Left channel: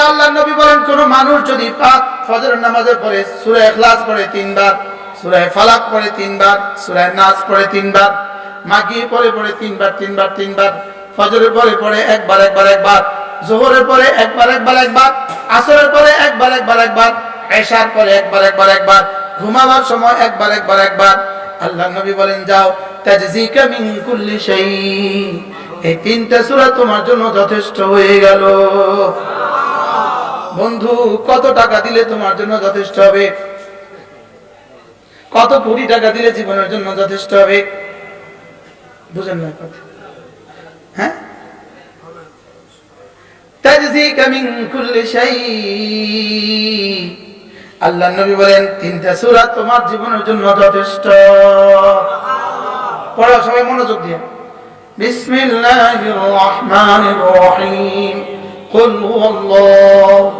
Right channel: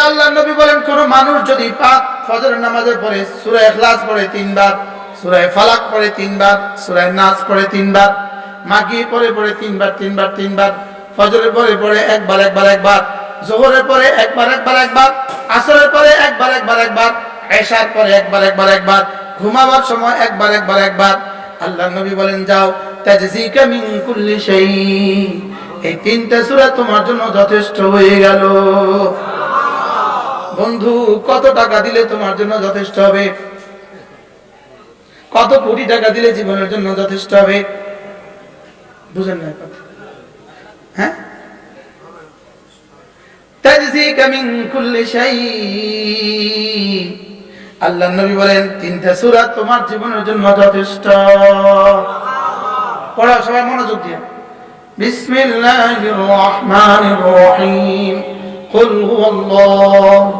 এরপরে আল্লাহ নবী বলেন কোন মানুষ যদি পাক ফজরের নামাজের পরে সূরা ইখলাস পড়ে তিনবার সূরা ফালাক পড়ে তিনবার সূরা নাস পড়ে তিনবার মাগি পরে পড়ে তিনবার তিনবার তিনবার ফজরের পরে পরে একবার একবার একবার জোহরের পরে একবার একবার একবার আসরের পরে একবার একবার একবার এশার পরে একবার একবার একবার ঘুমাবার সময় একবার একবার একবার আল্লাহ নবী বলেন যাও তাজজিকা মিন কুল্লি শাই এই তিনটা সূরা তোমার জন্য যথেষ্ট হয়ে গেল বন্ধু, কত টাকা দিলে তোমার জন্য যথেষ্ট হবে? কত কোটি টাকা দিলে জীবনের জন্য যথেষ্ট হবে? বুঝেন না কথা হ্যাঁ? আল্লাহ নবী বলেন, তিনটা সুরা তোমার জীবনের জন্য যথেষ্ট। পড়া, সবাই মনোযোগ দিয়ে। বিসমিল্লাহির রহমানির রহিম। কুল হুয়াল্লাহু।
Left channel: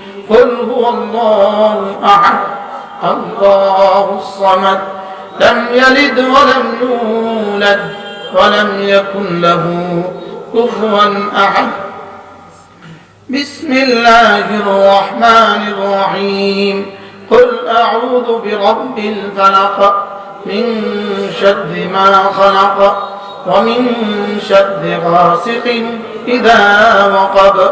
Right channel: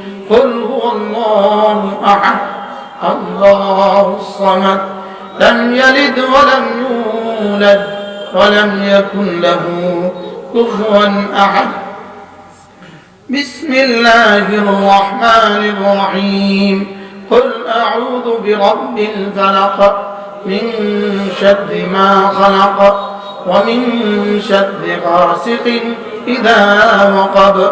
قل هو الله أحد الله الصمد. لم يلد ولم يولد ولم يكن له كفوا أحد. بسم الله الرحمن الرحيم. قل أعوذ برب الفلق من شر ما خلق ومن شر غاسق إذا وقب.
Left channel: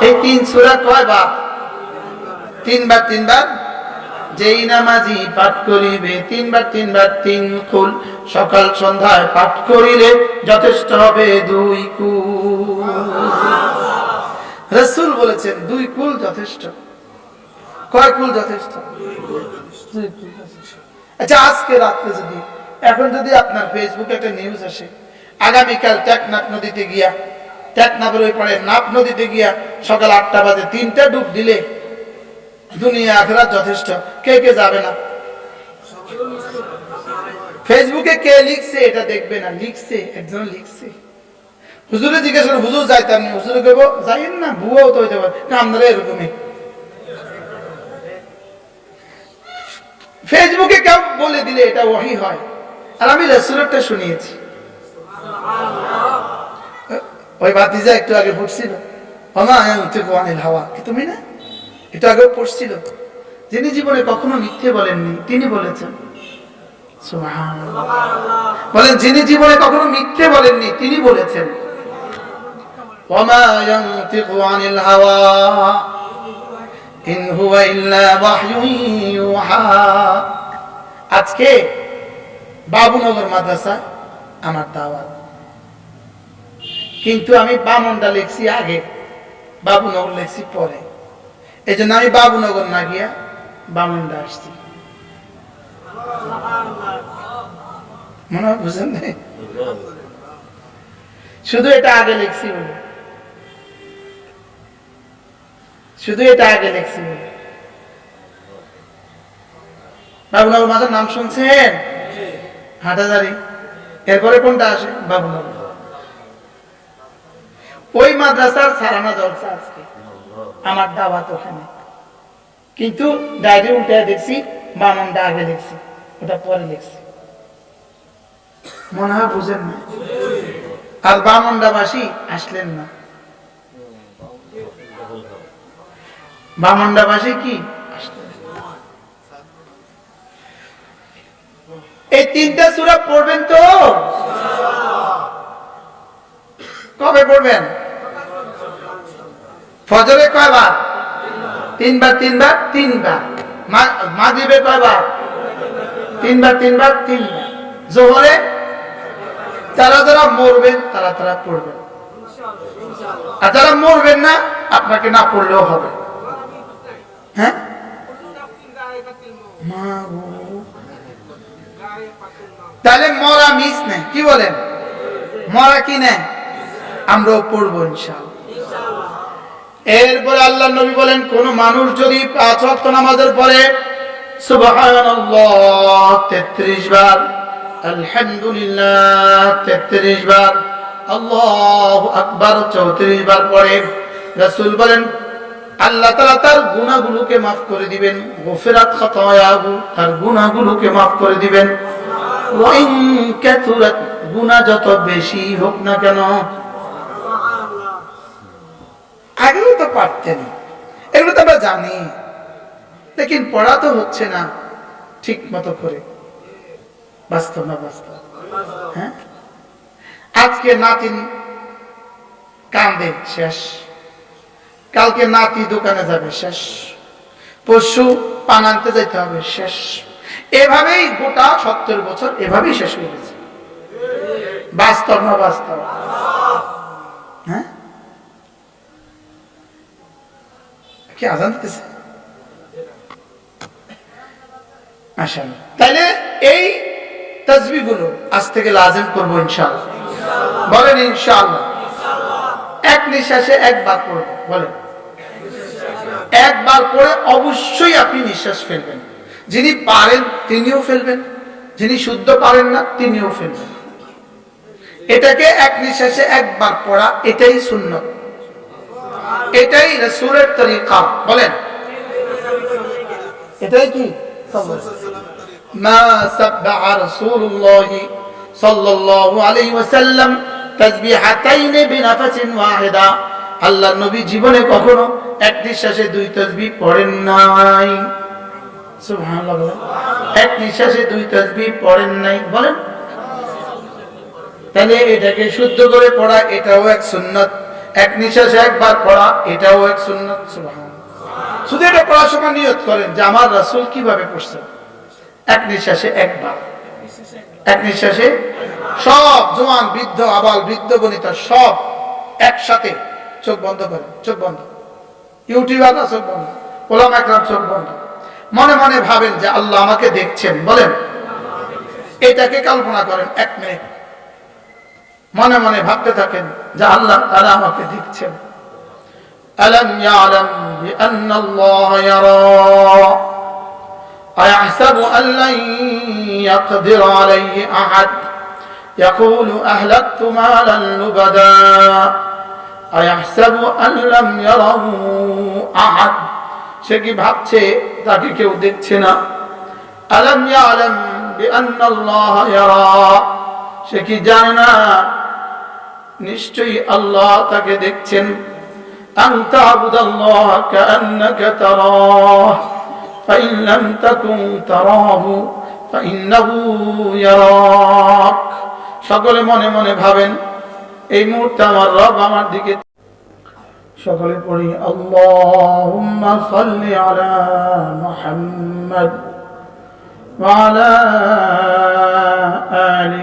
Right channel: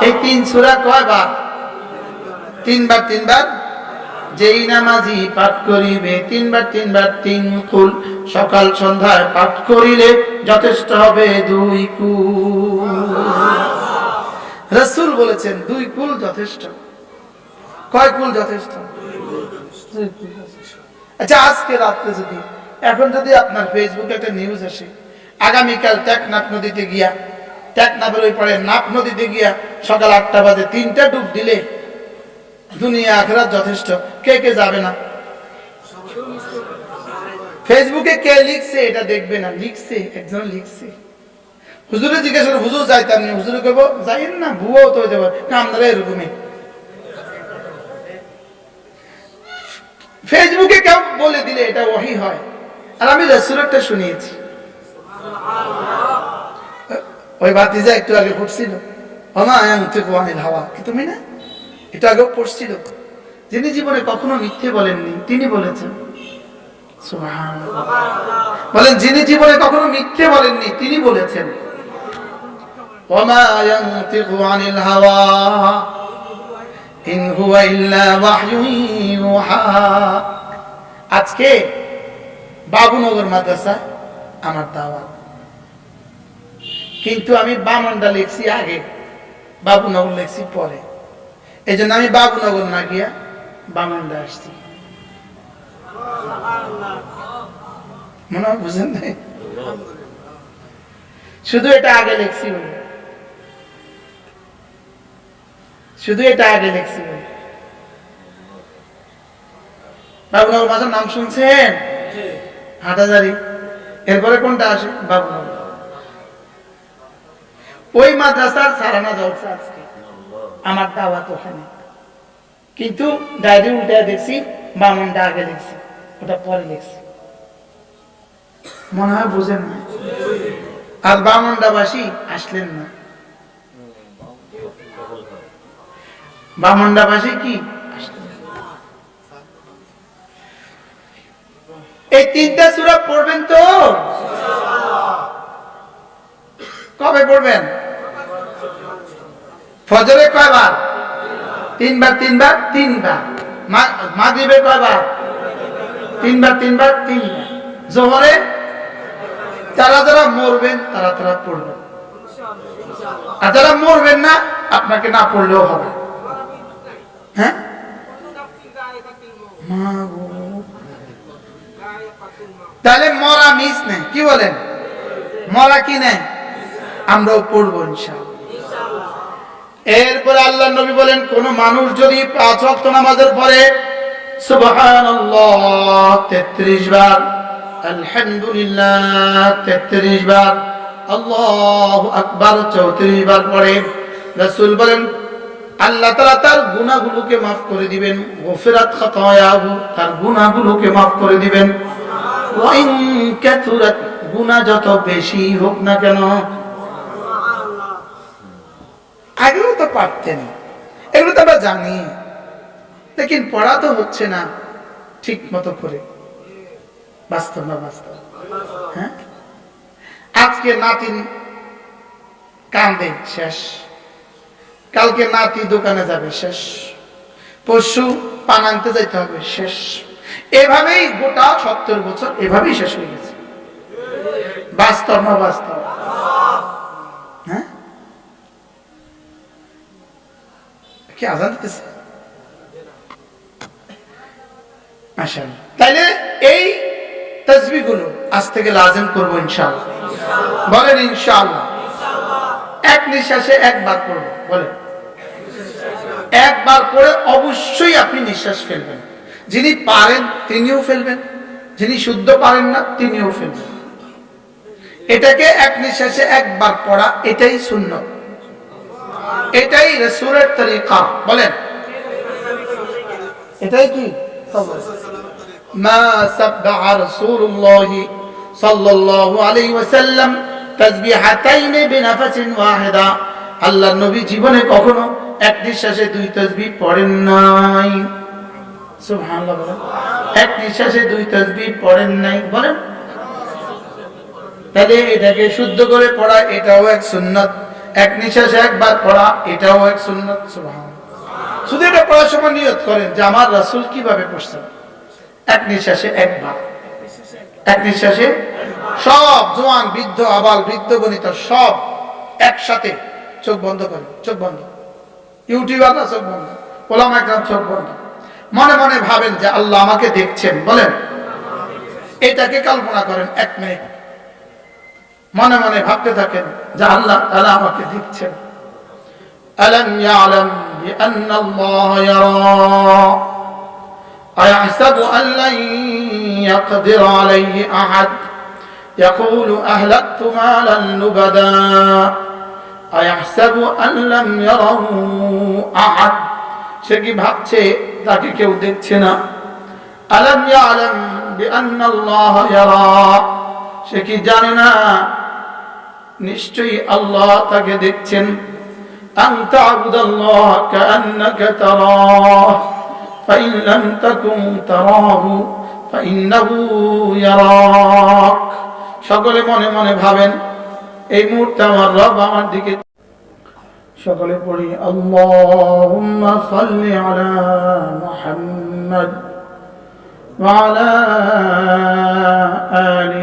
এই তিন সুরা কয়বার তিনবার তিনবার? যেই নামাজি পাঠ করিবে, তিনবার তিনবার, তিন কুল। সকাল, সন্ধ্যায় পাঠ করিলে যথেষ্ট হবে দুই কুল। বলেছেন, দুই কুল যথেষ্ট। কয় কুল যথেষ্ট। আচ্ছা আজকে রাত্রে যদি, এখন যদি আপনার ফেসবুকে একটা নিউজ আসে, আগামীকাল টেকনাফ নদীতে গিয়া টেকনাফের ওই পরে নাপ নদীতে গিয়া সকাল আটটা বাজে তিনটা ডুব দিলে দুনিয়া আখেরাত যথেষ্ট। কে কে যাবে না? ফেসবুকে কে লিখছে এটা দেখবে না। লিখছে, একজন লিখছে। হুজুরে জিজ্ঞেস করে, হুজুর যাইতাম না হুজুরে কেব যাইন না ভুয়াও তো হইতে পারে। কামদারা এরকমই। ফেসবুকে কেউ বলে দিলে এটা ওহি হয়। আর আমি রসুলেরটা শুনিয়েছি। ওই বাতিজা একটু আগে ফুটছিল হমা থেকে আনিল হাওয়া। কি তুমি না? একটু আগেও পড়ছিল। যিনি জীবনে কখনো মিথ্যে বলেননি, তিনি বলেছেন বলেন, যিনি জীবনে কখনো মিথ্যে বলেননি, তিনি বলেছেন আজকে বাবুনগর মাদ্রাসা আমার দাওয়াত। কিন্তু আমি বামনটা লিখছি আগে বাবুনগর লিখছি পরে। এই জন্য আমি বাবুনগর না গিয়া বামনটা আসছি। মনে হয় বুঝেন নাই? শুধু এটা আগে লিখছি বলে। শুধু এটা আগে লিখছি বলে। বাবুনগর মাসের নাম শুনছেন? হাটাজারি। এরপরে কোনটা আসে? বাবুনগর। ওই মাদ্রাসার সারানা জলসা আজকে। আমার দাওয়াত ওখানে। কিন্তু ডায়েরি উল্টে দেখছি বামনটা আগে লিখছি ওটা পরে লিখছি। মনে হয় বুঝেন না। আর বামন্ডাবাসী আসলেন না। বামন্ডাবাসী কি। এই তিনটা সুরা পড়বেন তো? কবে পড়বেন? ফজরে কয়বার? তিনবার তিনবার তিনবার। মাগরিবে কয়বার? তিনবার তিনবার তিনবার। জোহরে? যারা যারা মরবেন, তারা তারা পড়বেন। আর যারা মরবেন না, আপনাকে না পড়লেও হবে। হ্যাঁ? তাহলে মরা মিস নেই। কি বলেন? মরা কি নেই? আমরাও পড়ব ইনশাল এরপরে আল্লাহ নবী বলেন, কোন মানুষ যদি পাঁচ ওয়াক্ত নামাজের পরে তেত্রিশ বার, আলহামদুলিল্লাহ তেত্রিশ বার, আল্লাহ আকবার চৌত্রিশ বার পরে রসুল বলেন, আল্লাহ তালা তার গুণাগুলোকে মাফ করে দিবেন, গোফেরাত খাতায়াহু তার গুণাগুলোকে মাফ করে দিবেন। গুনাহ যত বেশি হোক না কেন আগেও তো পারতেন। এগুলো তো আমরা জানি। লেকিন পড়া তো হচ্ছে না ঠিক মতো করে। বাস্তব না বাস্তব? হ্যাঁ? আজকে নাতিন কান্দে, শেষ। কালকে নাতি দোকানে যাবে, শেষ। পরশু পান আনতে যাইতে হবে, শেষ। এভাবেই গোটা সত্তর বছর এভাবেই শেষ হয়ে গেছে। বাস্তব না বাস্তব? কি, আজান দিতেছে? মাশাআল্লাহ। তাইলে এই আজ থেকে লাজেম করব ইনশাআল্লাহ। বলেন ইনশাআল্লাহ। এক নিঃশ্বাসে একবার বলেন। একবার পড়ে অবশ্যই আপনি নিঃশ্বাস ফেলবেন। যিনি পারেন তিনিও ফেলবেন, যিনি শুদ্ধ পারেন না তিনিও ফেলবেন। এটাকে এক নিঃশ্বাসে একবার পড়া, এটাই সুন্নত। এটাই রসুলের তরিকা। বলেন। এটাই কি? তাসবিহাতাইন বিনাফাসিন ওয়াহিদা। আল্লাহর নবী জীবনে কখনো এক নিঃশ্বাসে দুই তাসবিহ পড়েন নাই। সুবহানাল্লাহ বলেন। এক নিঃশ্বাসে দুই তাসবিহ পড়েন নাই। বলেন। তাহলে এটাকে শুদ্ধ করে পড়া, এটাও এক সুন্নত। এক নিঃশ্বাসে একবার পড়া, এটাও এক সুন্নত শুধু এটা পড়ার সময় নিয়ত করেন যে আমার রাসূল কীভাবে পড়ছেন। এক নিঃশ্বাসে একবার এক নিঃশ্বাসে সব জোয়ান, বৃদ্ধ, আবাল, বৃদ্ধ, বনিতা সব একসাথে চোখ বন্ধ করেন, চোখ বন্ধ। ইউটিউবার চোখ বন্ধ, ওলাম একরাম চোখ বন্ধ। মনে মনে ভাবেন যে আল্লাহ আমাকে দেখছেন, বলেন। এটাকে কল্পনা করেন এক মিনিট। মনে মনে ভাবতে থাকেন যে আল্লাহ তালা আমাকে দেখছেন ألم يعلم بأن الله يرى أيحسب أن لن يقدر عليه أحد يقول أهلكت مالا لبدا أيحسب أن لم يره أحد সে কি ভাবছে তাকে কেউ দেখছে না আলম ইয়ালাম বিআন্নাল্লাহ ইয়ারা সে কি জানে না নিশ্চয়ই আল্লাহ তাকে দেখছেন। সকলে মনে মনে ভাবেন, এই মুহূর্তে আমার রব আমার দিকে সকলে পড়ি, আল্লাহুম্মা সাল্লি আলা মুহাম্মদ ওয়া আলা আলি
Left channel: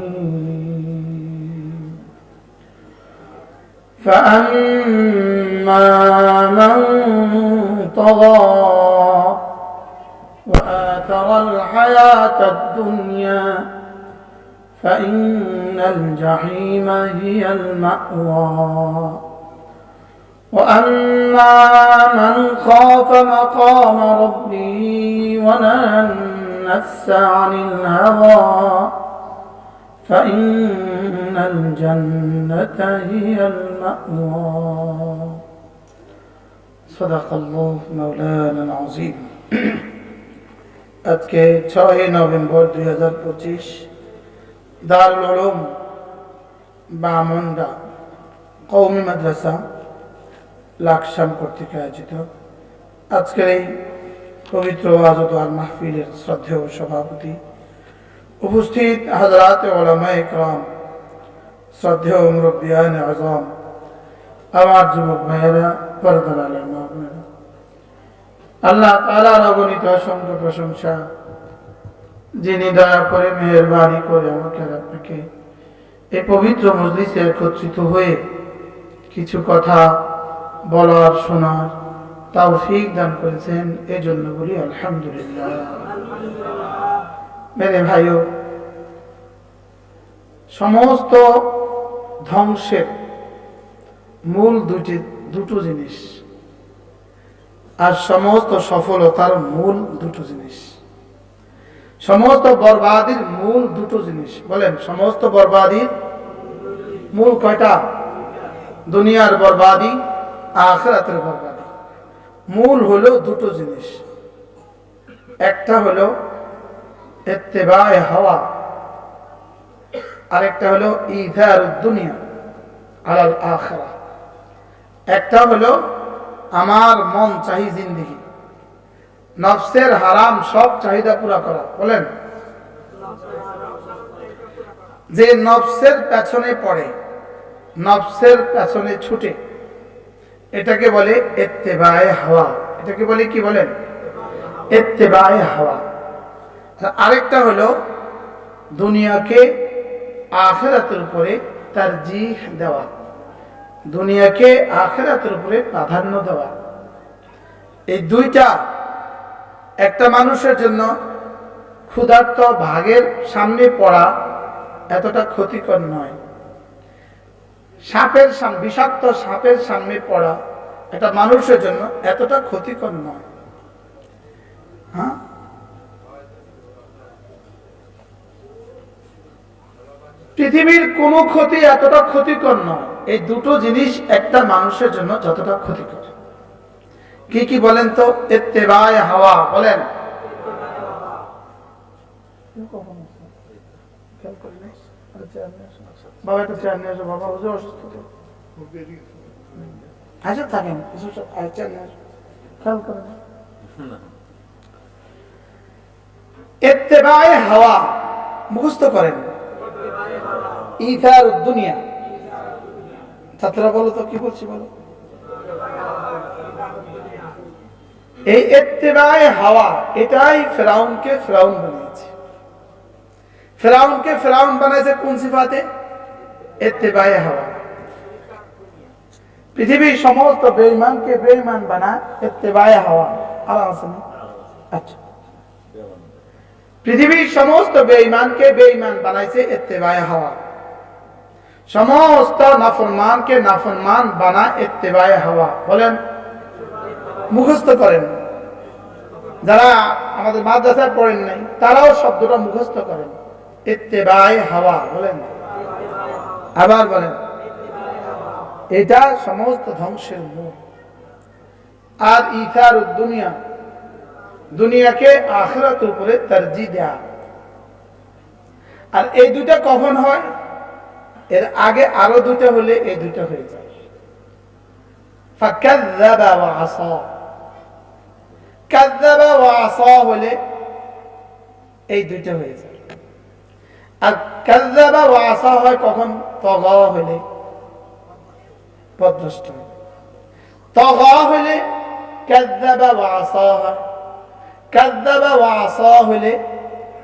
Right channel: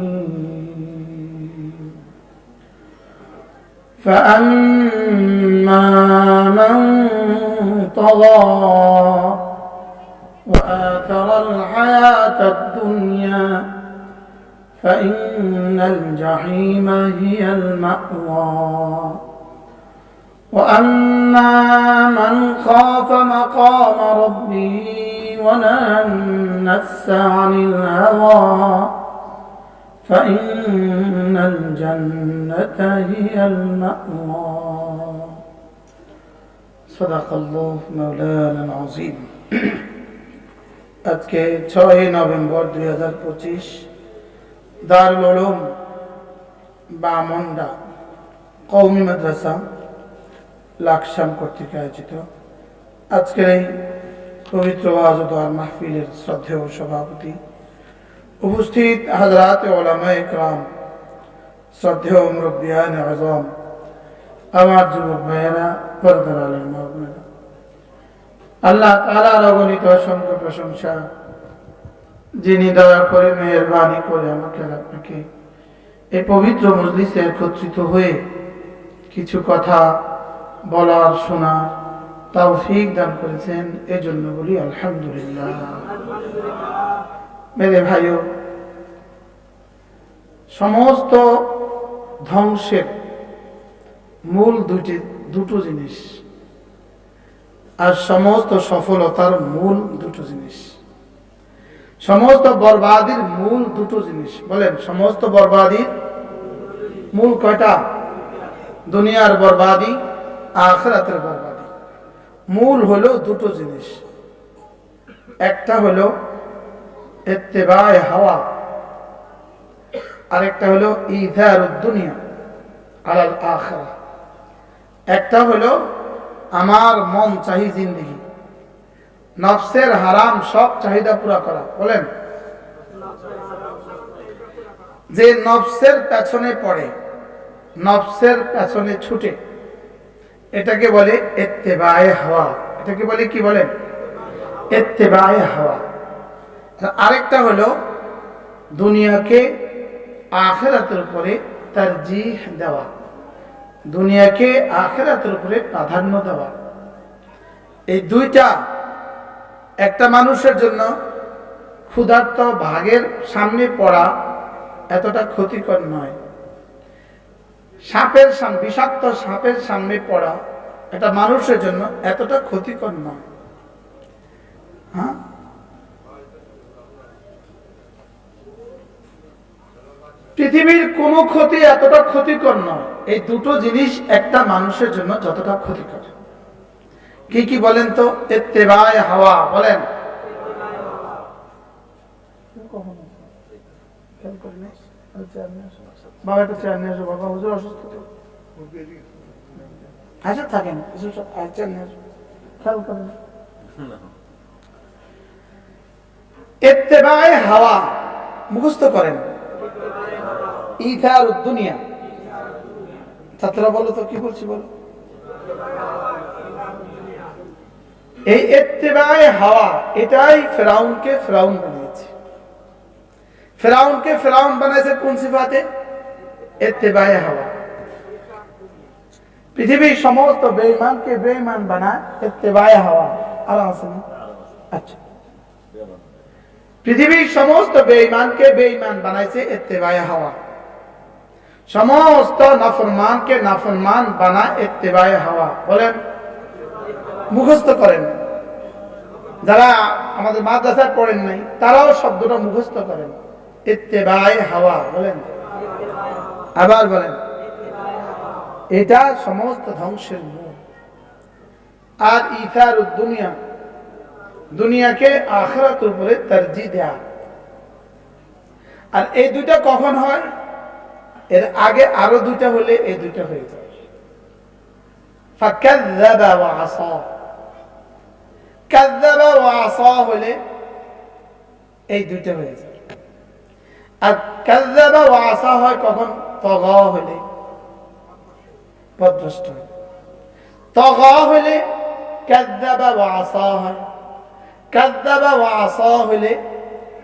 فأما من طغى وآثر الحياة الدنيا فإن الجحيم هي المأوى. وأما من خاف مقام ربه ونهى النفس عن الهوى فإن الجنة هي المأوى صدق الله مولانا العظيم আজকে ছয় নভেম্বর দুই হাজার পঁচিশ দারুল উলুম বামন্ডা কৌমি মাদ্রাসা লাকসাম কর্তৃক আয়োজিত আজকের এই পবিত্র আজত আর মাহফিলের শ্রদ্ধেয় সভাপতি উপস্থিত হাজরাত ওলামা একরাম শ্রদ্ধেয় মুরব্বিয়ান আজম, আমার যুবক ভাইয়েরা, পরদার আলম আল্লাহ তালার অগণিত অসংখ্য প্রশংসা, যিনি দয়া করে মেহরবানি করে আমাকে আপনাকে এই পবিত্র মজলিসে একত্রিত হয়ে কিছু কথা বলার, শোনার তাও ফিক দান করেছেন। এজন্য বলি আলহামদুলিল্লাহ। মেরে ভাইও। সমস্ত ধ্বংসের মূল দুটি দুটো জিনিস আর সমস্ত সফলতার মূল দুটো জিনিস। সমস্ত বরবাদির মূল দুটো জিনিস। বলেন, সমস্ত বরবাদির মূল কয়টা? দুনিয়ার বরবাদি, আখরাতের বরবাদি। মূল হলো দুটো জিনিস। একটা হলো এত্তেবায় হাওয়া। আরেকটা হলো ইধার দুনিয়া আলাল আখরা। একটা হলো আমার মন চাহি জিন্দিগি। নফসের হারাম সব চাহিদা পুরা করা। বলেন। যে নফসের পেছনে পড়ে, নফসের পেছনে ছুটে, এটাকে বলে এত্তেবায় হাওয়া। এটাকে বলে কি বলেন? এত্তেবায় হাওয়া। আরেকটা হলো দুনিয়াকে আখেরাতের উপরে তার জি দেওয়া। দুনিয়াকে আখেরাতের উপরে প্রাধান্য দেওয়া। এই দুইটা একটা মানুষের জন্য ক্ষুধার্ত ভাগের সামনে পড়া এতটা ক্ষতিকর নয়। সাপের বিষাক্ত সাপের সামনে পড়া একটা মানুষের জন্য এতটা ক্ষতিকর নয়। হ্যাঁ? পৃথিবীর কোনো ক্ষতি এতটা ক্ষতিকর নয়। এই দুটো জিনিস একটা মানুষের জন্য যতটা ক্ষতিকর। কি কি বলেন তো? এত্তেবায় হাওয়া, বলেন। বাবা চেয়ার বাবা থাকেন খেয়াল করে না ইত্তেবায়ে হাওয়া, মুখস্থ করেন। ইথার দুনিয়া। ছাত্ররা বলো তো, কি বলছি বলো? এই ইত্তেবায়ে হাওয়া, এটাই ফেরাউনকে ফেরাউন বানিয়েছে। ফেরাউনকে ফেরাউন বানাইছে কোন সিফাতে? ইত্তেবায়ে হাওয়া। পৃথিবীর সমস্ত বেঈমানকে বেঈমান বানায় ইত্তেবায়ে হাওয়া। আরাম আছে না? আচ্ছা। পৃথিবীর সমস্ত বেঈমানকে বেঈমান বানাইছে ইত্তেবায়ে হাওয়া। সমস্ত নাফরমানকে নাফরমান বানা ইত্তেবায়ে হাওয়া। বলেন, মুখস্থ করেন। যারা আমাদের মাদ্রাসায় পড়েন নাই, তারাও শব্দটা মুখস্থ করেন। ইত্তেবায়ে হাওয়া, বলেন। আবার বলেন, এটা সমস্ত ধ্বংসের মূল। আর ইথার দুনিয়া, দুনিয়াকে আখরাতের উপরে তরজি দেয়া। আর এই দুইটা কখন হয়? এর আগে আরও দুটা হলে এই দুটা হয়ে যায়। এই দুইটা হয়ে যায়। আর কাজাবা ও আসা হয় কখন? তগ হলে। পদ্মষ্ট তগ হলে কাজাবা ও আসা হয়। কাজাবা ও আসা হলে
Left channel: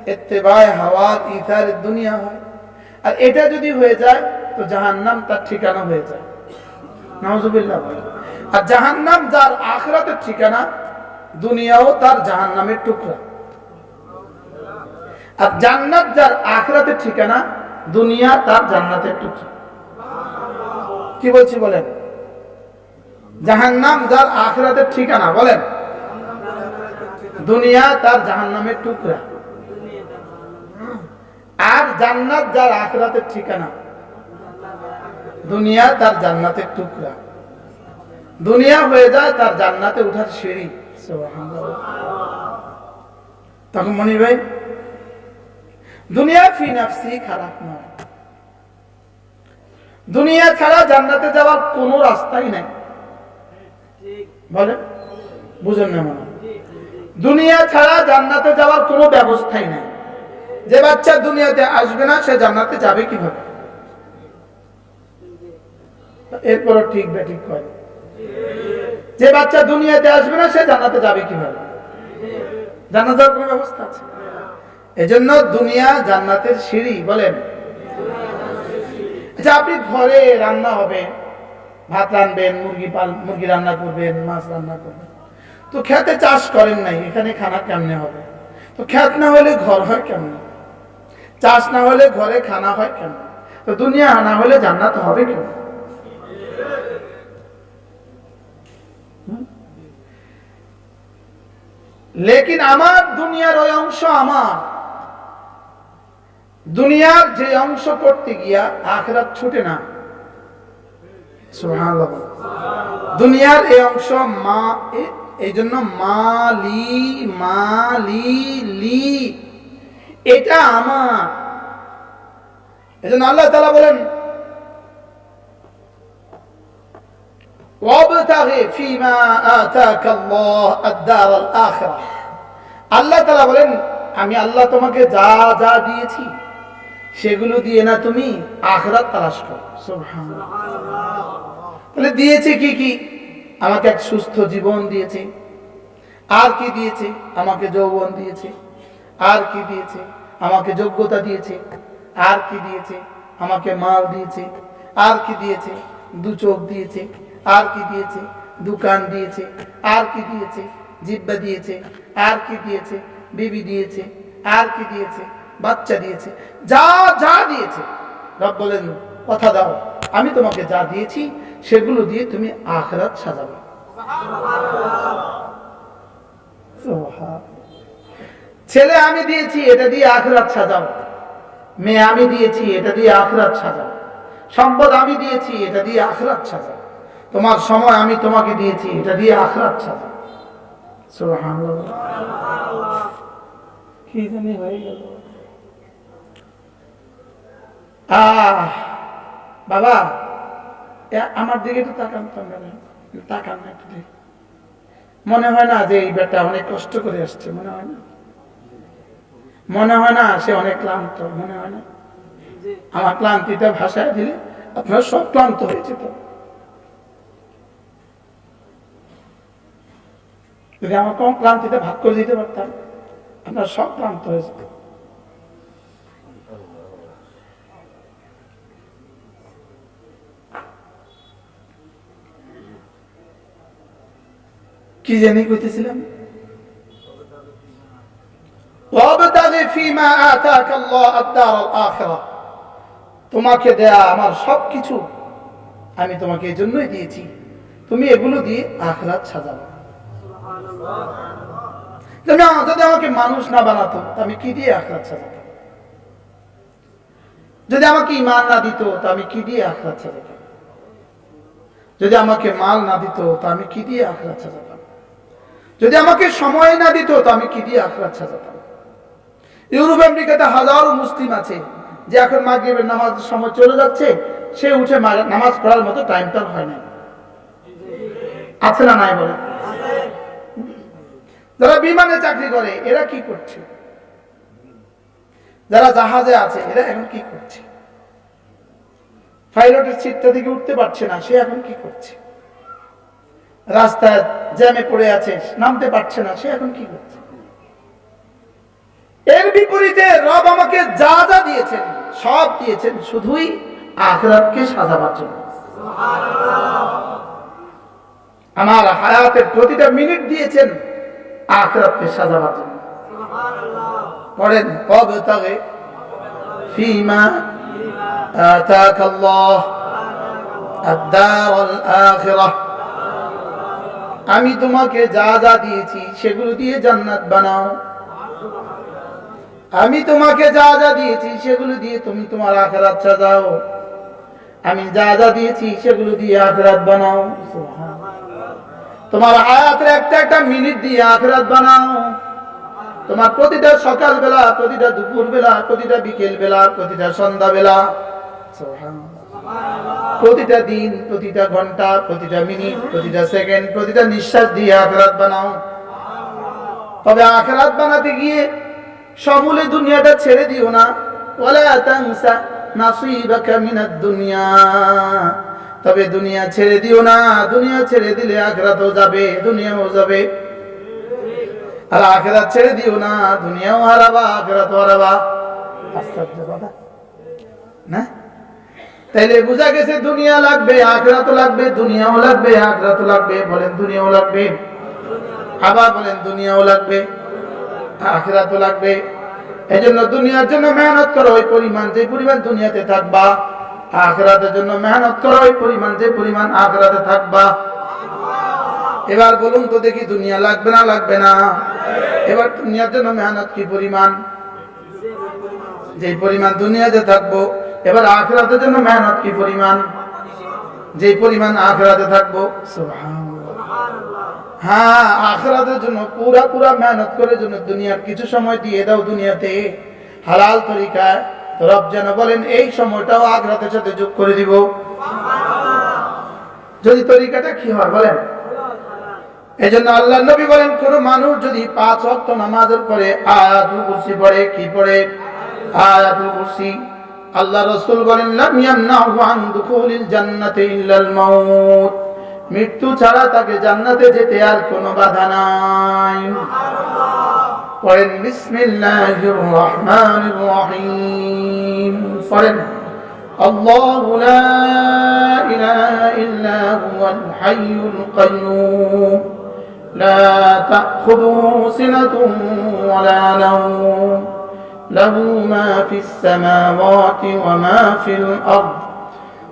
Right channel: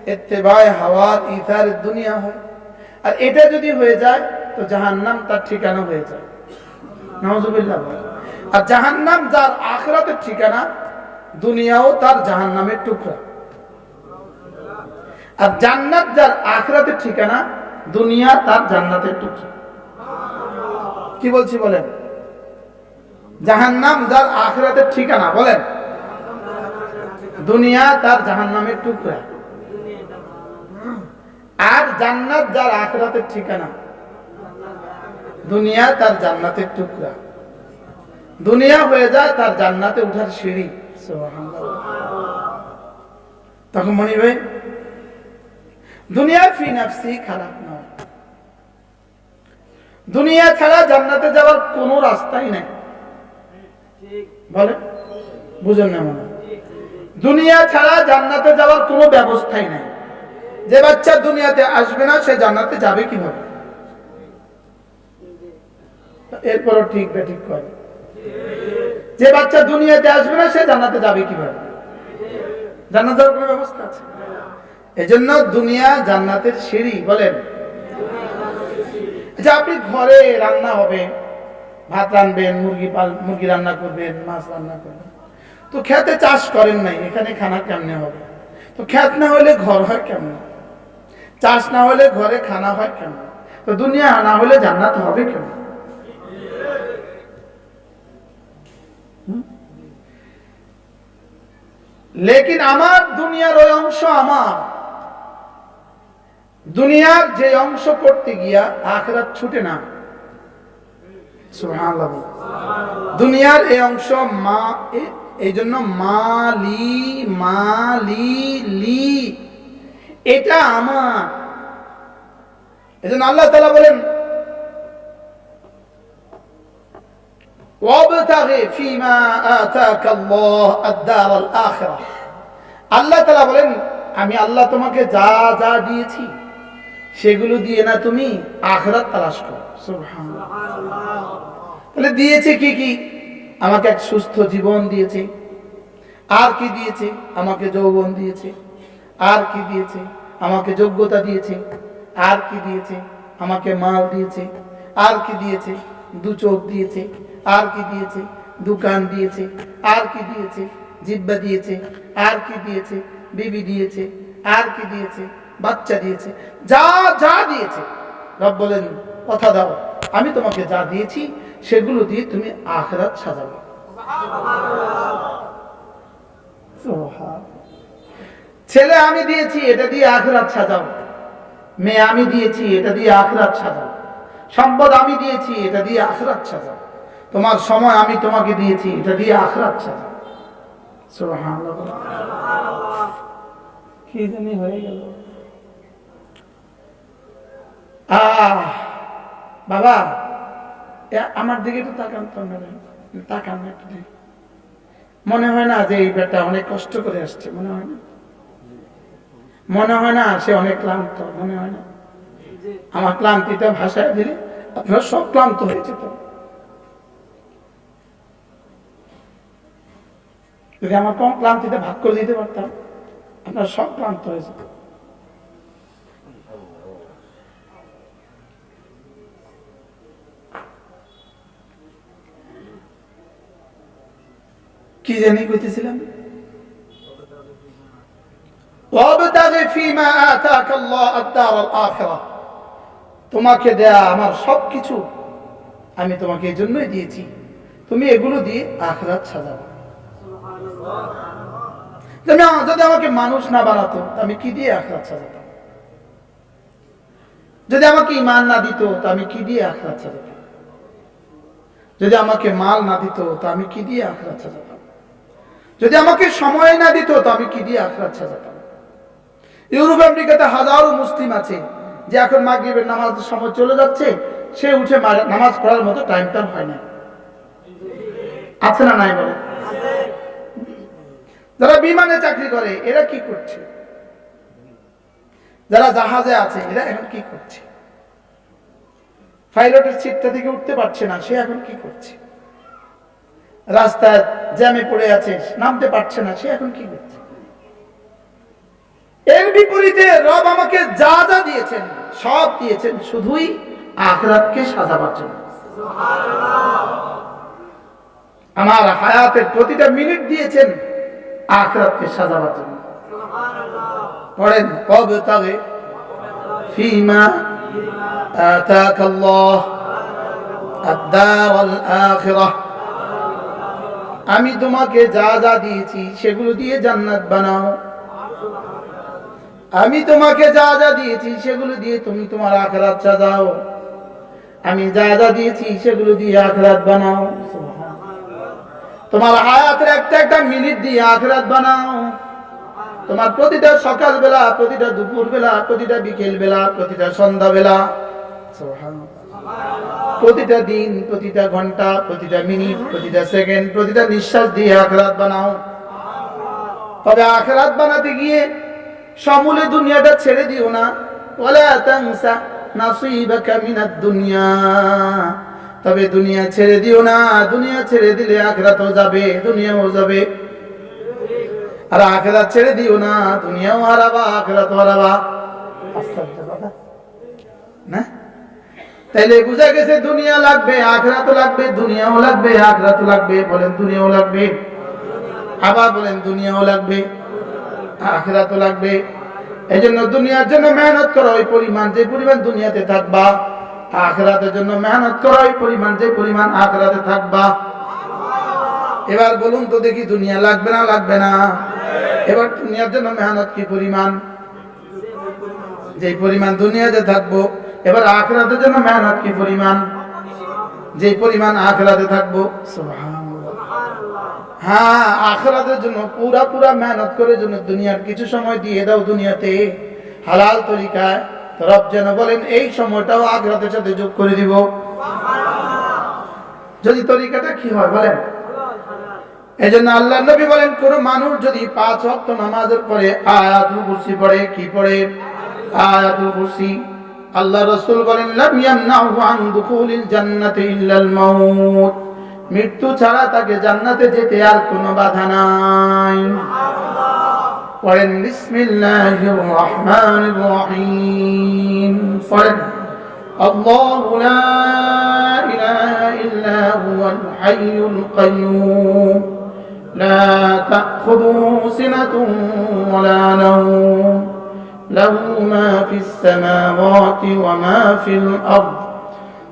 এত্তেবায় হাওয়ার ইথার দুনিয়া হয়। আর এটা যদি হয়ে যায়, তো জাহান্নাম তার ঠিকানা হয়ে যায়। নওয়াজুবিল্লাহ। আর জাহান্নাম যার আখরাতের ঠিকানা, দুনিয়াও তার জাহান্নামের টুকরা। আর জান্নাত যার আখরাতের ঠিকানা, দুনিয়া তার জান্নাতের টুকরা। কি বলছি বলেন? জাহান্নাম যার আখরাতের ঠিকানা, বলেন। দুনিয়া তার জাহান্নামের টুকরা। আর জান্নাত যার আখরাতের ঠিকানা। দুনিয়া তার জান্নাতের টুকরা। দুনিয়া হয়ে যায় তার জান্নাতে উঠার সিঁড়ি। তখন মনি ভাই, দুনিয়া ফি নাফসি খারাপ নয়। দুনিয়া ছাড়া জান্নাতে যাওয়ার কোনো রাস্তাই নাই। বলে বুঝেন না মনে দুনিয়া ছাড়া জান্নাতে যাওয়ার কোনো ব্যবস্থাই নাই। যে বাচ্চা দুনিয়াতে আসবে না, সে জান্নাতে যাবে কীভাবে? এরপরও ঠিক বে ঠিক করে যে বাচ্চা দুনিয়াতে আসবে না, সে জান্নাতে যাবে কীভাবে? জান্নাত যাওয়ার কোনো ব্যবস্থা আছে? এজন্য দুনিয়া জান্নাতের সিঁড়ি, বলেন। আচ্ছা আপনি ঘরে রান্না হবে, ভাত রানবেন, মুরগি পাল, মুরগি রান্না করবেন, মাছ রান্না করবেন। তো খেতে চাষ করেন নাই, এখানে খানা কেমনে হবে? তো খ্যাত না হলে ঘর হয় কেমন? চাষ না হলে ঘরে খানা হয় কেন? তো দুনিয়া না হলে জান্নাত হবে কেন? লেকিন আমার দুনিয়ার ওই অংশ আমার। দুনিয়ার যে অংশ করতে গিয়া আখরাত ছুটে না। দুনিয়ার এই অংশ মা এই জন্য মালি মালি লি এটা আমার। এজন্য আল্লাহ তালা বলেন আল্লাহ তালা বলেন, আমি আল্লাহ তোমাকে যা যা দিয়েছি, সেগুলো দিয়ে না তুমি আখরাত তালাশ করো। তাহলে দিয়েছে কি কি? আমাকে এক সুস্থ জীবন দিয়েছে। আর কি দিয়েছে? আমাকে যৌবন দিয়েছে। আর কি দিয়েছে? আমাকে যোগ্যতা দিয়েছে, আর কি দিয়েছে, আমাকে মাল দিয়েছে, আর কি দিয়েছে, দু চোখ দিয়েছে, আর কি দিয়েছে, দোকান দিয়েছে, আর কি দিয়েছে, জিব্বা দিয়েছে, আর কি দিয়েছে, বিবি দিয়েছে, আর কি দিয়েছে, বাচ্চা দিয়েছে, যা যা দিয়েছে রব বলেন, কথা দাও, আমি তোমাকে যা দিয়েছি, সেগুলো দিয়ে তুমি আখরাত সাজাবে। ছেলে আমি দিয়েছি, এটা দিয়ে আখরাত সাজাও। মেয়ে আমি দিয়েছি, এটা দিয়ে আখরাত সাজাও। সম্পদ আমি দিয়েছি, এটা দিয়ে আখরাত সাজাও। তোমার সময় আমি তোমাকে দিয়েছি, এটা দিয়ে আখরাত সাজাও। কি জানি হয়ে গেল। আহ, বাবা আমার দিকে তাকান তো তাকান না একটু মনে হয় না যে এই বেটা অনেক কষ্ট করে আসছে, মনে হয় না? মনে হয় না, সে অনেক ক্লান্ত, মনে হয় না। আমার ক্লান্তিটা ভাষায় দিলে আপনার সব ক্লান্ত হয়ে যেত। যদি আমার কোন ভাগ করে দিতে পারতাম, আপনার সব ক্লান্ত হয়ে যেত। কি জানি কইতেছিলাম? তোমাকে দেয়া আমার সব কিছু আমি তোমাকে এই জন্যই দিয়েছি। তুমি এগুলো দিয়ে আখরাত সাজাবো যদি আমা- যদি আমাকে মানুষ না বানাতো আমি কি দিয়ে আখরাত সাজাতাম? যদি আমাকে ইমান না দিত তা আমি কি দিয়ে আখরাত সাজাতাম? যদি আমাকে মাল না দিত তা আমি কি দিয়ে আখরাত সাজাতাম? যদি আমাকে সময় না দিত তো আমি কি দিয়ে আখরাত সাজাতাম? ইউরোপ, আমেরিকাতে হাজারো মুসলিম আছে যে এখন মাগরিবের নামাজের সময় চলে যাচ্ছে, সে উঠে নামাজ পড়ার মতো টাইম তার হয় না আছে না নাই বলে যারা বিমানে চাকরি করে, এরা কি করছে? যারা জাহাজে আছে, এরা এখন কি করছে? পাইলটের সিটটা থেকে উঠতে পারছে না, সে এখন কি করছে? রাস্তায় জ্যামে পড়ে আছে, নামতে পারছে না, সে এখন কি করছে? এর বিপরীতে রব আমাকে যা যা দিয়েছেন সব দিয়েছেন শুধুই আখরাতকে সাজাবার জন্য আমার হায়াতের প্রতিটা মিনিট দিয়েছেন আখরাতকে সাজাবার জন্য পড়েন কবে তবে ফিমা آتاك الله الدار الآخرة আমি তোমাকে যা যা দিয়েছি সেগুলো দিয়ে জান্নাত বানাও আমি তোমাকে যা যা দিয়েছি সেগুলো দিয়ে তুমি তোমার আখরাত সাজাও। আমি যা যা দিয়েছি সেগুলো দিয়ে আখরাত বানাও। তোমার হায়াতের একটা একটা মিনিট দিয়ে আখরাত বানাও। তোমার প্রতিটা সকাল বেলা প্রতিটা দুপুর বেলা প্রতিটা বিকেল বেলা প্রতিটা সন্ধ্যা বেলা প্রতিটা দিন, প্রতিটা ঘণ্টা, প্রতিটা মিনিট, প্রতিটা সেকেন্ড, প্রতিটা নিঃশ্বাস দিয়ে আখরাত বানাও। তবে আখরাত বানাতে গিয়ে সমূলে দুনিয়াটা ছেড়ে দিও না। ওয়ালা তানসা নাসিবাকা মিনাদ দুনিয়া। তবে দুনিয়া ছেড়ে দিও না, দুনিয়া ছেড়ে দিলে আখরাতও যাবে, দুনিয়াও যাবে। আর আখরাত ছেড়ে দিও না, দুনিয়াও হারাবা, আখরাতও হারাবা। আশ্চর্য কথা। না? তাইলে বোঝা গেছে দুনিয়া লাগবে, আখরাতও লাগবে, দুনিয়াও লাগবে, আখরাতও লাগবে, বলেন দুনিয়াও লাগবে। আবার বলেন দুনিয়াও লাগবে। আখরাতও লাগবে। এই জন্য দুনিয়ার জন্য মেহনত করো, ওই পরিমাণ যে পরিমাণ দুনিয়াতে থাকবা, আখরাতের জন্য মেহনত করো, ওই পরিমাণ যে পরিমাণ আখরাতে থাকবা। এবার বলুন তো দেখি দুনিয়া লাগবে না লাগবে না? এবার দুনিয়ার জন্য মেহনত কি পরিমাণ? যে পরিমাণ দুনিয়াতে থাকব, এবার আখরাতের জন্য মেহনত কি পরিমাণ? যে পরিমাণ আখরাতে থাকব, সুবহানাল্লাহ। হ্যাঁ আখরাতের জন্য পুরা পুরা মেহনত করে জন্য দুনিয়ার কিছু সময় দিয়ে দাও দুনিয়াতে। হালাল তরিকায়। তো রব যেন বলেন, এই সময়টাও আখরাতের সাথে যোগ করে দিব। যদি তরিকাটা কি হয় বলেন? এই জন্য আল্লাহ নবী বলেন, কোন মানুষ যদি পাঁচ অক্ট নামাজের পরে আয়াতুল কুরসি পড়ে, কি পড়ে? আয়াতুল কুরসি। আল্লাহ রসুল বলেন, লাম ইয়ামনাহু আন দুখুলিল জান্নাতি ইল্লাল মাউত। মৃত্যু ছাড়া তাকে জান্নাতে যেতে আর কোনো বাধা নাই। পড়েন, বিসমিল্লাহির রহমানির রহিম। পড়েন, আল্লাহু লা ইলাহা ইল্লা হুয়াল হাইয়ুল কাইয়্যুম লা তাখুযুহু সিনাতুন ওয়ালা নাওম। লাহু মা ফিস সামাওয়াতি ওয়া মা ফিল আরদ।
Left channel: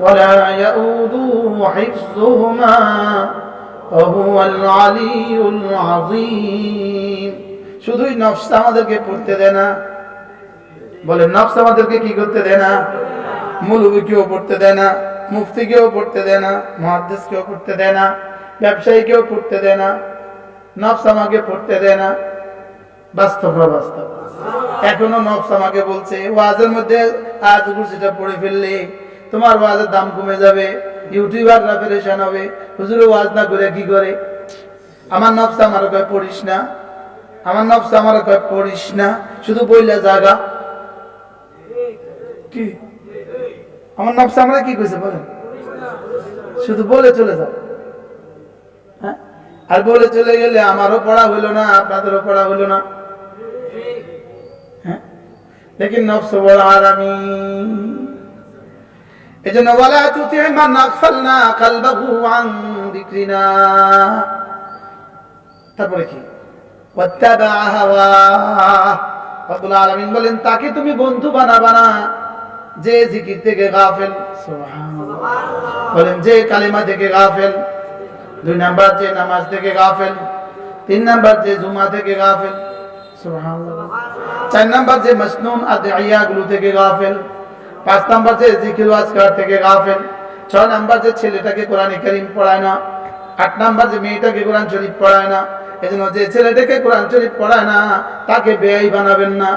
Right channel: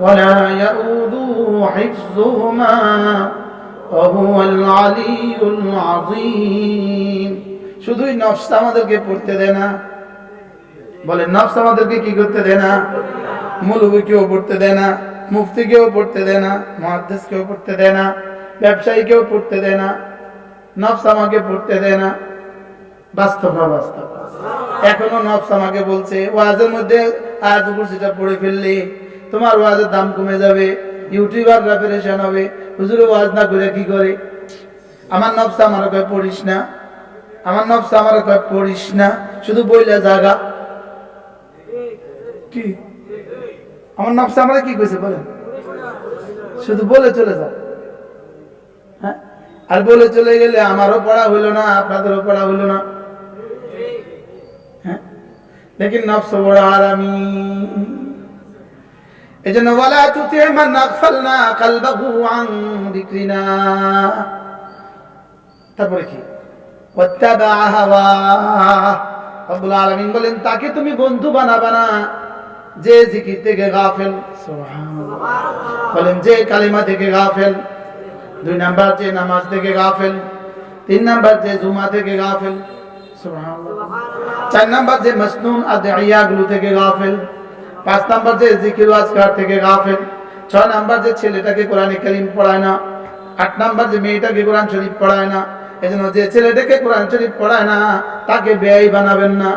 ولا يؤوده حفظهما وهو العلي العظيم শুধুই নফস আমাদেরকে পড়তে দেয় না বলে নফস আমাদেরকে কি করতে দেয় না মৌলবী কেউ পড়তে দেয় না মুফতি কেউ পড়তে দেয় না মহাদ্দেশ কেউ পড়তে দেয় না ব্যবসায়ী কেউ পড়তে দেয় না নফস আমাকে পড়তে দেয় না বাস্তব না বাস্তব এখনো নফস আমাকে বলছে ওয়াজের মধ্যে আয়াত কুরসিটা পড়ে ফেললে তোমার ওয়াজের দাম কমে যাবে, ইউটিউবাররা পেরেশান হবে হুজুরে ওয়াজ না করে কি করে? আমার নফস আমার কয় পড়িস না? আমার নফস আমার কয় পড়িস না? শুধু বইলা জাগা। কি? আমার নফস আমরা কি কইছে বলেন? শুধু বলে চলে যাও। হ্যাঁ? আর বলে চলে গেলে আমারও পড়া হইল না, আপনাদেরও পড়া হইল না। হ্যাঁ? লেকিন নফস বড় আর আমি এই জন্য বলা তুতে মান নাগফালনা কালবাহু আন যিকরিনা। তারপরে কি? ওয়াত্তাবা হাওয়া। রব্বুল আলামিন বলেন, তাকে তুমি বন্ধু বানাবা না। যে জিকির থেকে গাফেল, সুবহানাল্লাহ। বলেন, যে কালিমা থেকে গাফেল, দুই নাম্বার যে নামাজ থেকে গাফেল, তিন নাম্বার যে জুমা থেকে গাফেল, সুবহানাল্লাহ। চার নাম্বার যে মসনুন আদিয়াগুলো থেকে গাফেল পাঁচ নাম্বার যে জিকির আজকার থেকে গাফেল, ছয় নাম্বার যে ছেলেটাকে কোরআনে করিম পড়ায় না, আট নাম্বার যে মেয়েটাকে কোরআন শরীফ পড়ায় না, এজন্য যে ছেলেটাকে কোরআন শরীফ পড়ায় না, তাকে ব্যয় বানাবেন না।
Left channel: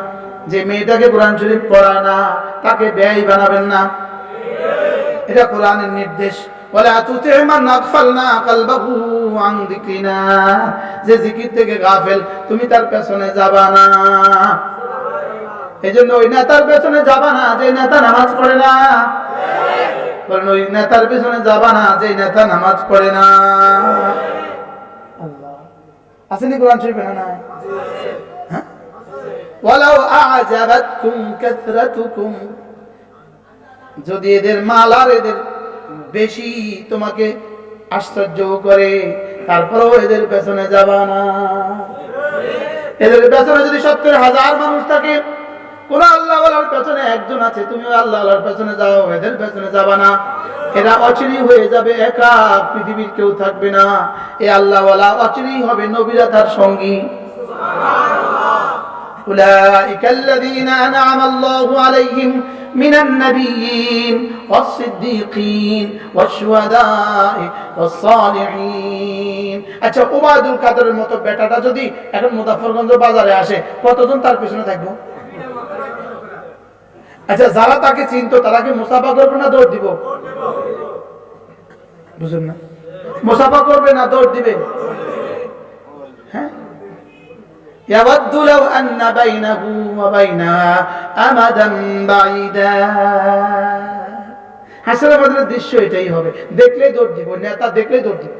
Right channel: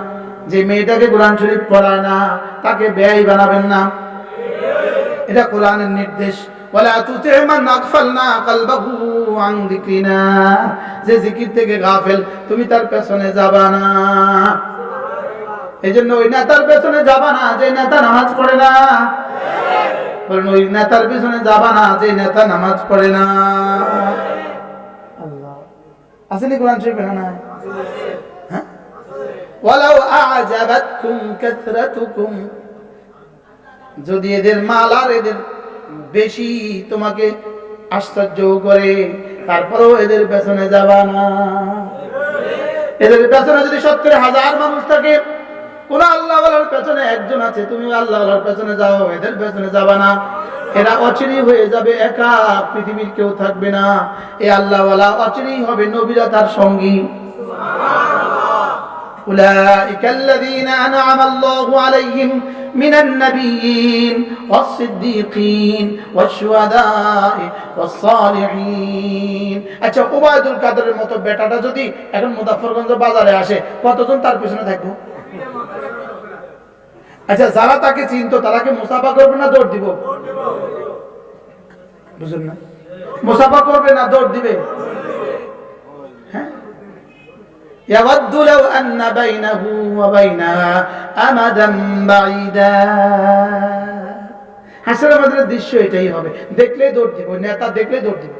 যে মেয়েটাকে কোরআন শরীফ পড়ায় না, তাকে ব্যয় বানাবেন না। এটা কোরআনের নির্দেশ। যে জিকির থেকে গাফেল, তুমি তার পেছনে যাবা না। এই জন্য ওই নেতার পেছনে যাবা না যে নেতা নামাজ পড়ে না। বলেন ওই নেতার পেছনে যাবা না যে নেতা নামাজ পড়ে না। আল্লাহ। আসেনি কোরআন শরীফে না নাই? হ্যাঁ? ওয়ালাউ আ'জাবাতকুম কাথরাতুকুম যদি এদের মাল আর এদের বেশি তোমাকে আশ্চর্য করে তারপরেও এদের পেছনে যাবা না। এদের পেছনে যদি সত্তর হাজার মানুষ থাকে কোন আল্লাহ পেছনে একজন আছে তুমি আল্লাহ পেছনে যাও এদের পেছনে যাবা না এরা অচিরি হয়ে যাবে একা পৃথিবীর কেউ থাকবে না এ আল্লাহওয়ালা অচিরি হবে নবীরা তার সঙ্গী أولئك الذين أنعم الله عليهم من النبيين والصديقين والشهداء والصالحين আচ্ছা ওবায়দুল কাদেরের মতো বেটাটা যদি এখন মুজাফরগঞ্জ বাজারে আসে কতজন তার পেছনে থাকবো আচ্ছা যারা তাকে চিনতো তারা কি মুসাফা করবে না দৌড় দিব বুঝলেন না মুসাফা করবে না দৌড় দিবে হ্যাঁ يود لو أن بينه وبينها أمدا بعيدا হাসিনা মাদের দৃশ্য এটাই হবে দেখলেই দৌড় দিব নেতা দেখলেই দৌড় দিব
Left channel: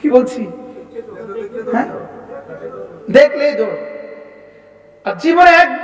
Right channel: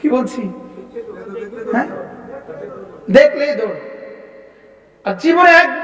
কি বলছি হ্যাঁ দেখলেই দৌড় আর জীবনে একবার